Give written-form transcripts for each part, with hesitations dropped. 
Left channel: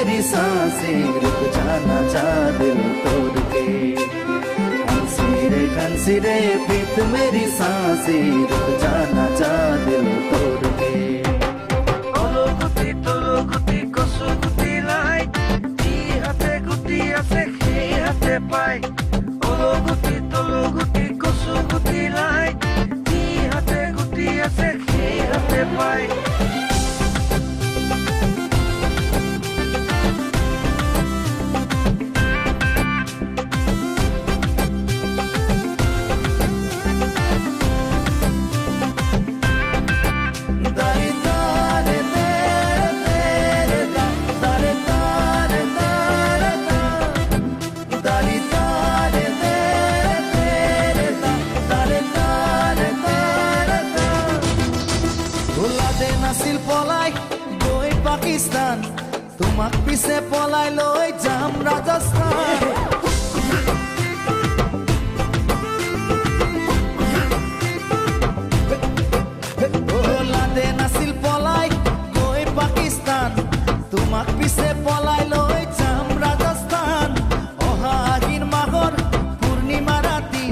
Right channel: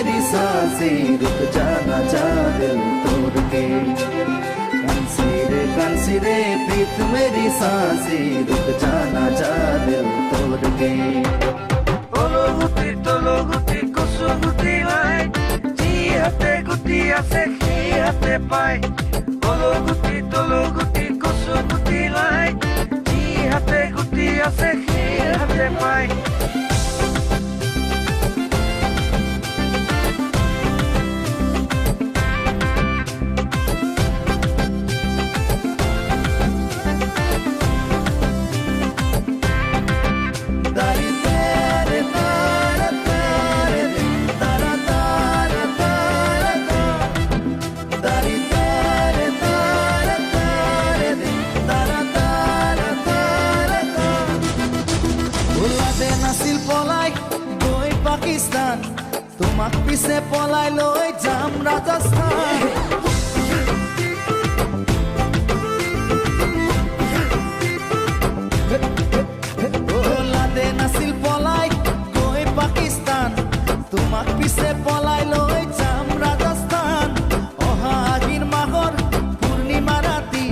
मेरी सांसें रुक जाना चाह दिल तोड़ के। कंसी रे प्रीत मेरी सांसें रुक जाना चाह दिल तोड़ के। ओ गुटी तलो गुटी कसो गुटी लाई जी हाथे गुटी আছে কি হাতে পাই। ও গুটি তলো গুটি कसो गुटी লাই जी हाथे गुटी আছে কি হাতে পাই। নাছিল পলাই গৈ পাকিস্তান, তোমাক পিছে পলাই লৈ যাম ৰাজস্থান। ওলাদে নাছিল পলাই গৈ পাকিস্তান, তোমাক পিছে পলাই লৈ যাম ৰাজস্থান। অহা আহিন মাহৰ পূৰ্ণিমা ৰাতি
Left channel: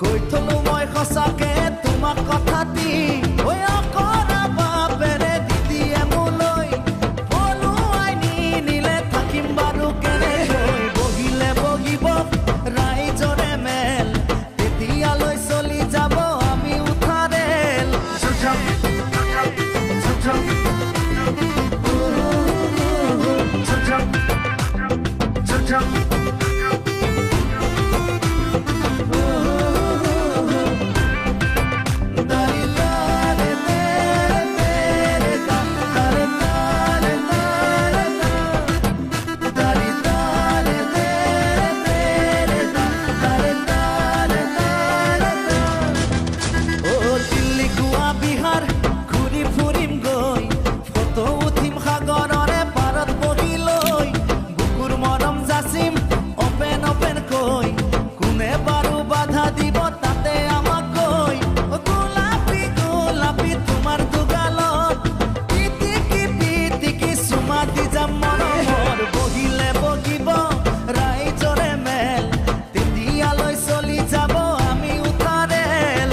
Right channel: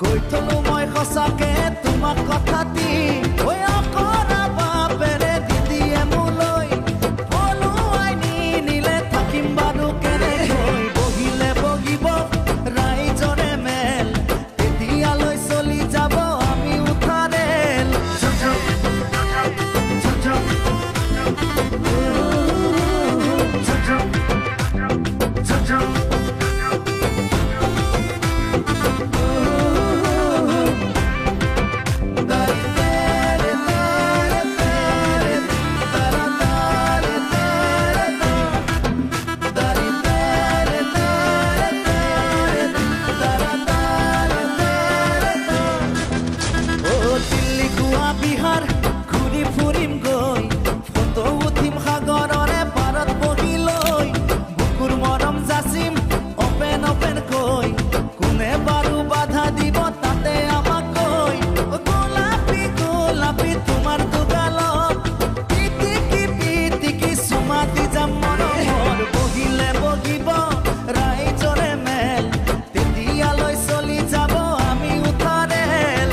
কৈ থলো মই সঁচাকে তোমাক কথাটি। অকৰা বাপেৰে দিদিয়ে মোলৈ পলুৱাই নিলে থাকিম বাৰু কেনেকৈ। বহিলে বহিব ৰাইজৰে মেল, তেতিয়ালৈ চলি যাব আমি উঠা ৰেল। বিহাৰ ঘূৰি ফুৰিম গৈ, ফটো উঠিম সাগৰৰে পাৰত বহি লৈ। বুকুৰ মৰম যাচিম অপেন অপেনকৈ, কোনে বাৰু বাধা দিব তাতে আমাক কৈ। গোলাপী গোলাপী তোমাৰ দুগালত পিটিকি পিটিকি চুমা দি যাম মৰমৰ। বহিলে বহিব ৰাইজৰে মেল, তেতিয়ালৈ চলি যাব আমি উঠা ৰেল।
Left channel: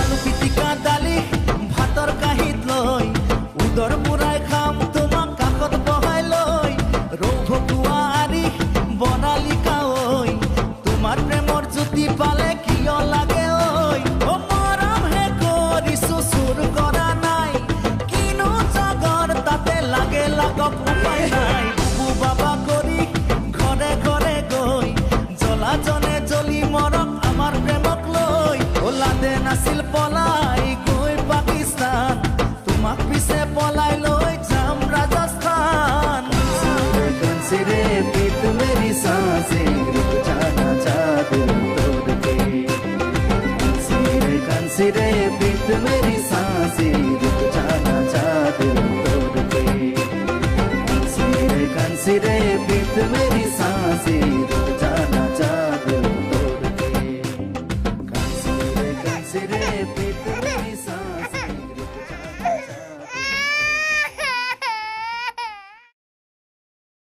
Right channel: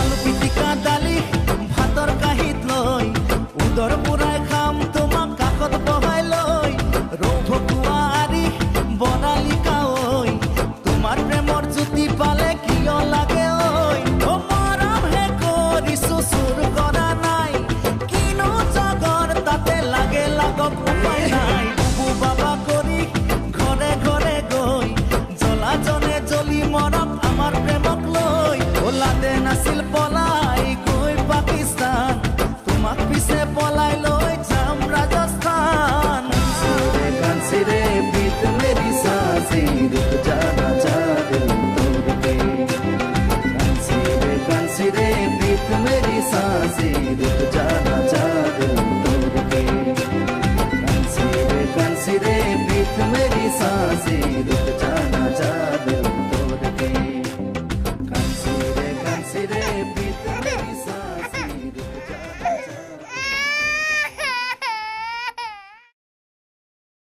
আলু পিটিকা দালি ভাতৰ কাঁহীত লৈ, উদৰ বুঢ়াই খাম তোমাক কাষত বহাই লৈ। ৰৌ ভকুৱা আৰি বনালি কাঐ, তোমাৰ প্ৰেমৰ জ্যোতি পালে কিয় লাগে ঐ। মৰমহে কৰিছো চুৰ কৰা নাই, কিনো জগৰ তাতে লাগে লাগক উপায় নাই। বুবু বাবা কৰি ঘৰে ঘৰে গৈ, জ্বলাজনে জ্বলি মৰক আমাৰ প্ৰেমক লৈ। ওলাদে নাছিল পলাই গৈ পাকিস্তান, তোমাক পিছে পলাই লৈ যাম ৰাজস্থান। कंसी रे प्रीत मेरी सांसें रुक जाना चाह दिल तोड़ के। कंसी रे प्रीत मेरी सांसें